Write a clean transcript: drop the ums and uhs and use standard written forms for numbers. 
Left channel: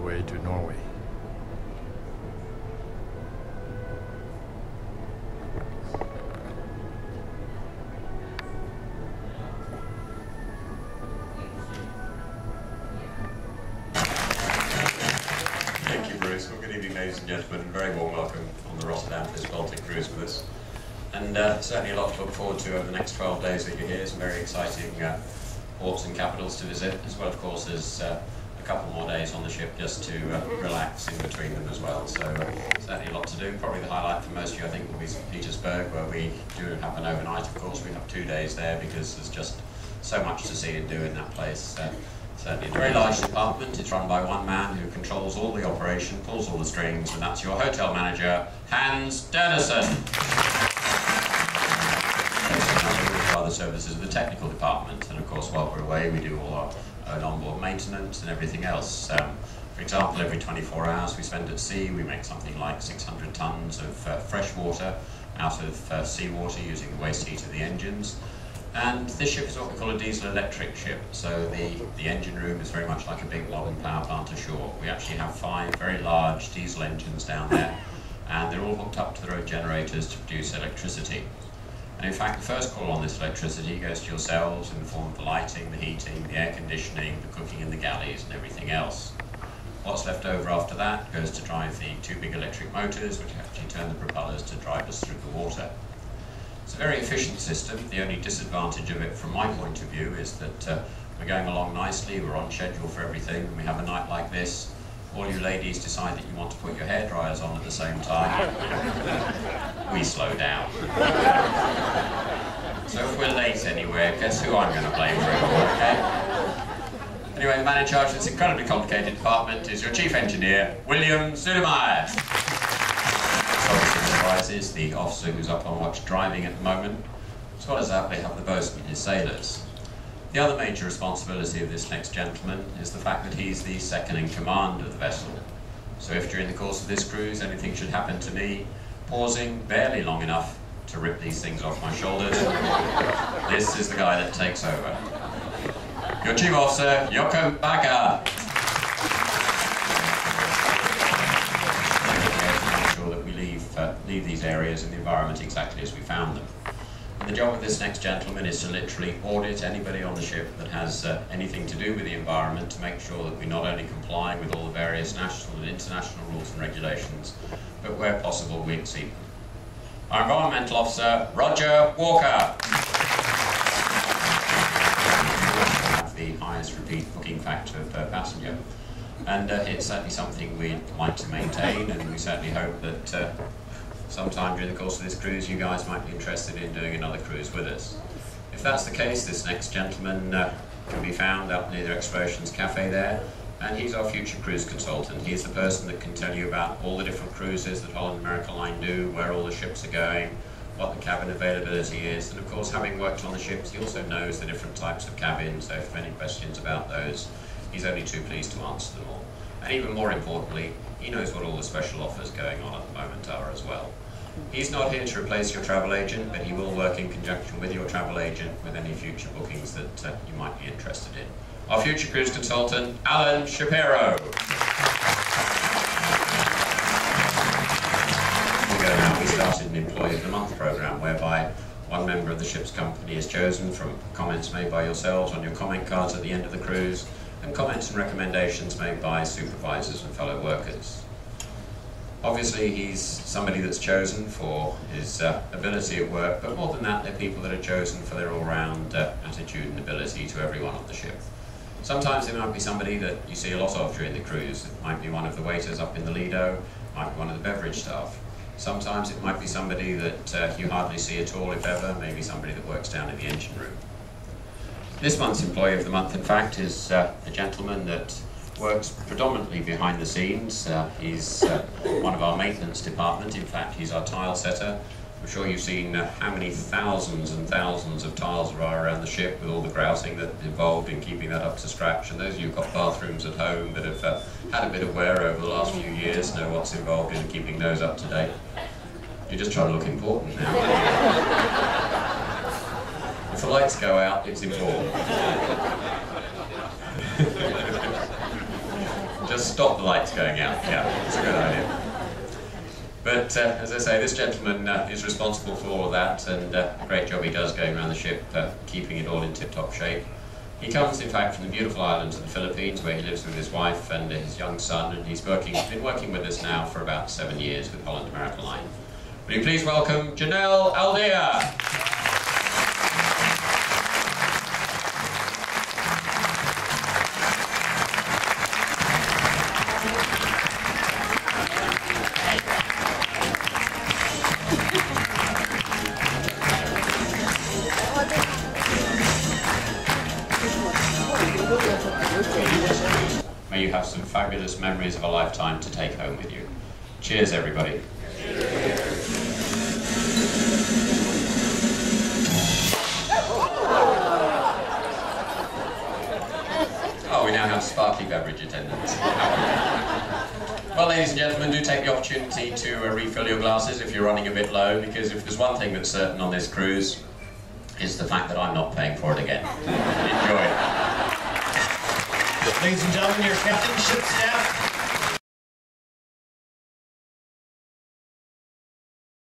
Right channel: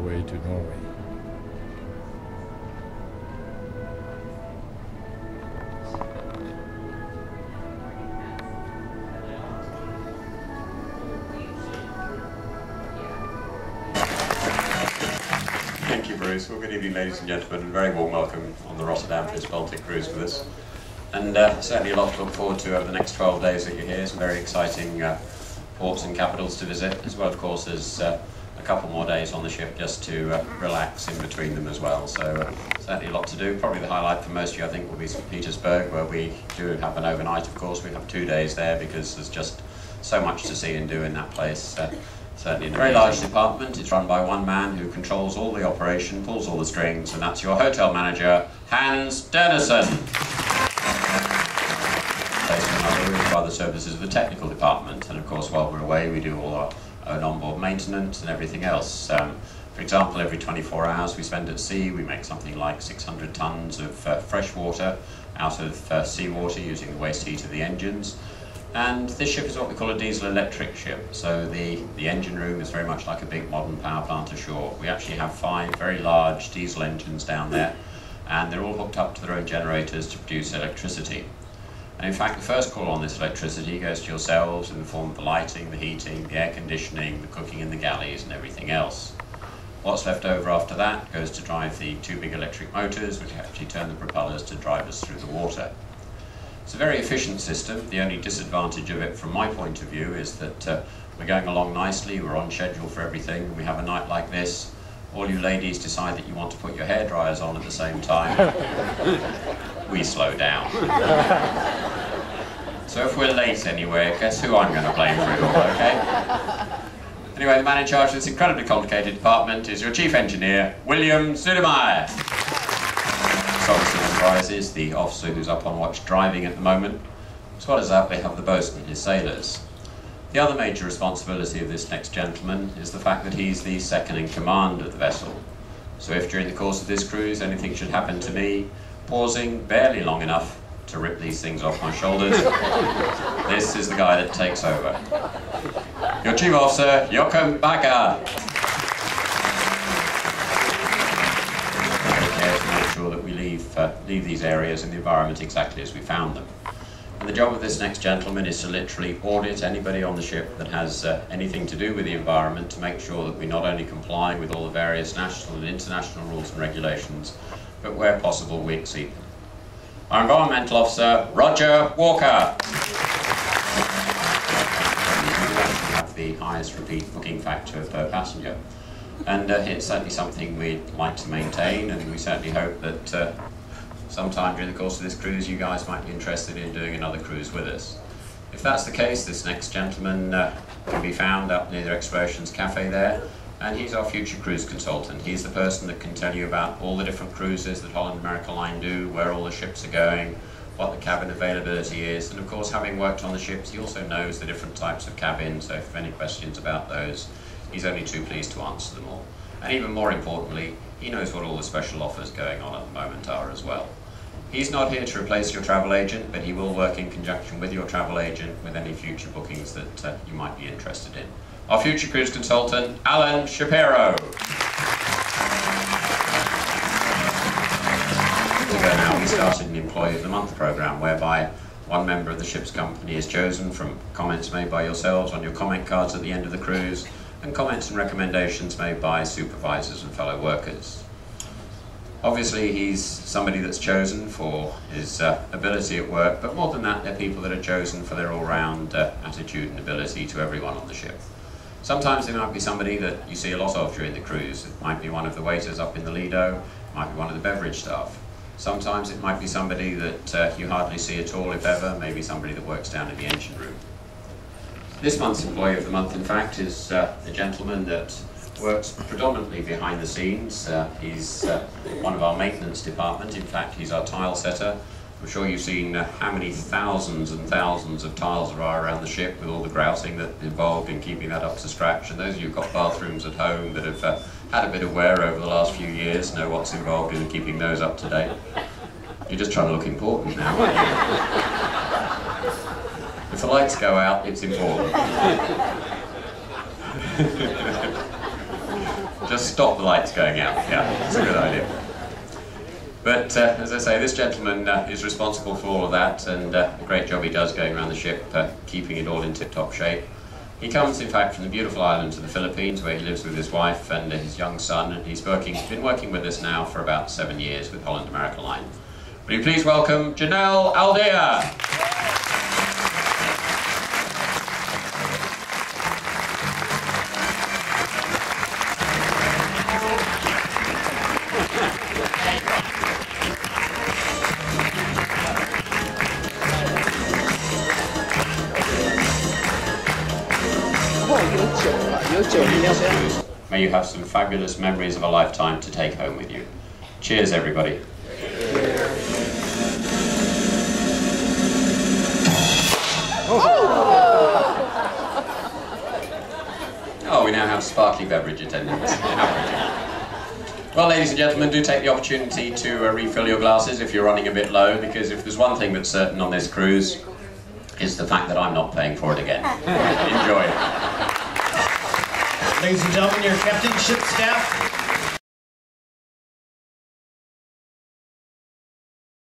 way to Norway. Thank you, Bruce. Well, good evening, ladies and gentlemen, and very warm welcome on the Rotterdam for this Baltic cruise with us. And certainly a lot to look forward to over the next 12 days that you're here. Some very exciting ports and capitals to visit, as well, of course, as a couple more days on the ship just to relax in between them as well. So certainly a lot to do. Probably the highlight for most of you, I think, will be St. Petersburg, where we do have an overnight, of course. We have 2 days there because there's just so much to see and do in that place. Certainly a very large department. It's run by one man who controls all the operation, pulls all the strings, and that's your hotel manager, Hans Dennison. Other services of the technical department, and of course while we're away we do all our own onboard maintenance and everything else. For example, every 24 hours we spend at sea, we make something like 600 tons of fresh water out of seawater using the waste heat of the engines. And this ship is what we call a diesel-electric ship, so the engine room is very much like a big modern power plant ashore. We actually have 5 very large diesel engines down there, and they're all hooked up to their own generators to produce electricity. And in fact, the first call on this electricity goes to yourselves in the form of the lighting, the heating, the air conditioning, the cooking in the galleys and everything else. What's left over after that goes to drive the 2 big electric motors, which actually turn the propellers to drive us through the water. It's a very efficient system. The only disadvantage of it from my point of view is that we're going along nicely, we're on schedule for everything, and we have a night like this. All you ladies decide that you want to put your hair dryers on at the same time. We slow down. So if we're late anywhere, guess who I'm going to blame for it all, okay? Anyway, the man in charge of this incredibly complicated department is your chief engineer, William Zudemeyer. This obviously comprises the officer who's up on watch driving at the moment. As well as that, they have the boatswain, his sailors. The other major responsibility of this next gentleman is the fact that he's the second in command of the vessel. So if during the course of this cruise anything should happen to me, pausing barely long enough to rip these things off my shoulders, this is the guy that takes over. Your chief officer, Joachim Bakker. Take care to make sure that we leave these areas in the environment exactly as we found them. And the job of this next gentleman is to literally audit anybody on the ship that has anything to do with the environment to make sure that we not only comply with all the various national and international rules and regulations, but where possible we exceed them. Our environmental officer, Roger Walker. We have the highest repeat booking factor per passenger, and it's certainly something we'd like to maintain, and we certainly hope that sometime during the course of this cruise you guys might be interested in doing another cruise with us. If that's the case, this next gentleman can be found up near the Explorations Cafe there, and he's our future cruise consultant. He's the person that can tell you about all the different cruises that Holland America Line do, where all the ships are going, what the cabin availability is, and of course, having worked on the ships, he also knows the different types of cabins, so if you have any questions about those, he's only too pleased to answer them all. And even more importantly, he knows what all the special offers going on at the moment are as well. He's not here to replace your travel agent, but he will work in conjunction with your travel agent with any future bookings that you might be interested in. Our future cruise consultant, Alan Shapiro. Now, we started an Employee of the Month program whereby one member of the ship's company is chosen from comments made by yourselves on your comment cards at the end of the cruise, and comments and recommendations made by supervisors and fellow workers. Obviously, he's somebody that's chosen for his ability at work, but more than that, they're people that are chosen for their all-round attitude and ability to everyone on the ship. Sometimes it might be somebody that you see a lot of during the cruise. It might be one of the waiters up in the Lido, it might be one of the beverage staff. Sometimes it might be somebody that you hardly see at all, if ever, maybe somebody that works down in the engine room. This month's Employee of the Month, in fact, is a gentleman that works predominantly behind the scenes. He's one of our maintenance department. In fact, he's our tile setter. I'm sure you've seen how many thousands and thousands of tiles there are around the ship with all the grouting that's involved in keeping that up to scratch. And those of you who've got bathrooms at home that have had a bit of wear over the last few years know what's involved in keeping those up to date. You're just trying to look important now, aren't you? If the lights go out, it's important. Just stop the lights going out. Yeah, that's a good idea. But as I say, this gentleman is responsible for all of that, and a great job he does going around the ship, keeping it all in tip-top shape. He comes, in fact, from the beautiful islands of the Philippines, where he lives with his wife and his young son, and he's been working with us now for about 7 years with Holland America Line. Will you please welcome Janelle Aldea? May you have some fabulous memories of a lifetime to take home with you. Cheers, everybody. Oh, we now have sparkly beverage attendants. Well, ladies and gentlemen, do take the opportunity to refill your glasses if you're running a bit low, because if there's one thing that's certain on this cruise, it's the fact that I'm not paying for it again. Enjoy. Ladies and gentlemen, your captain, ship staff,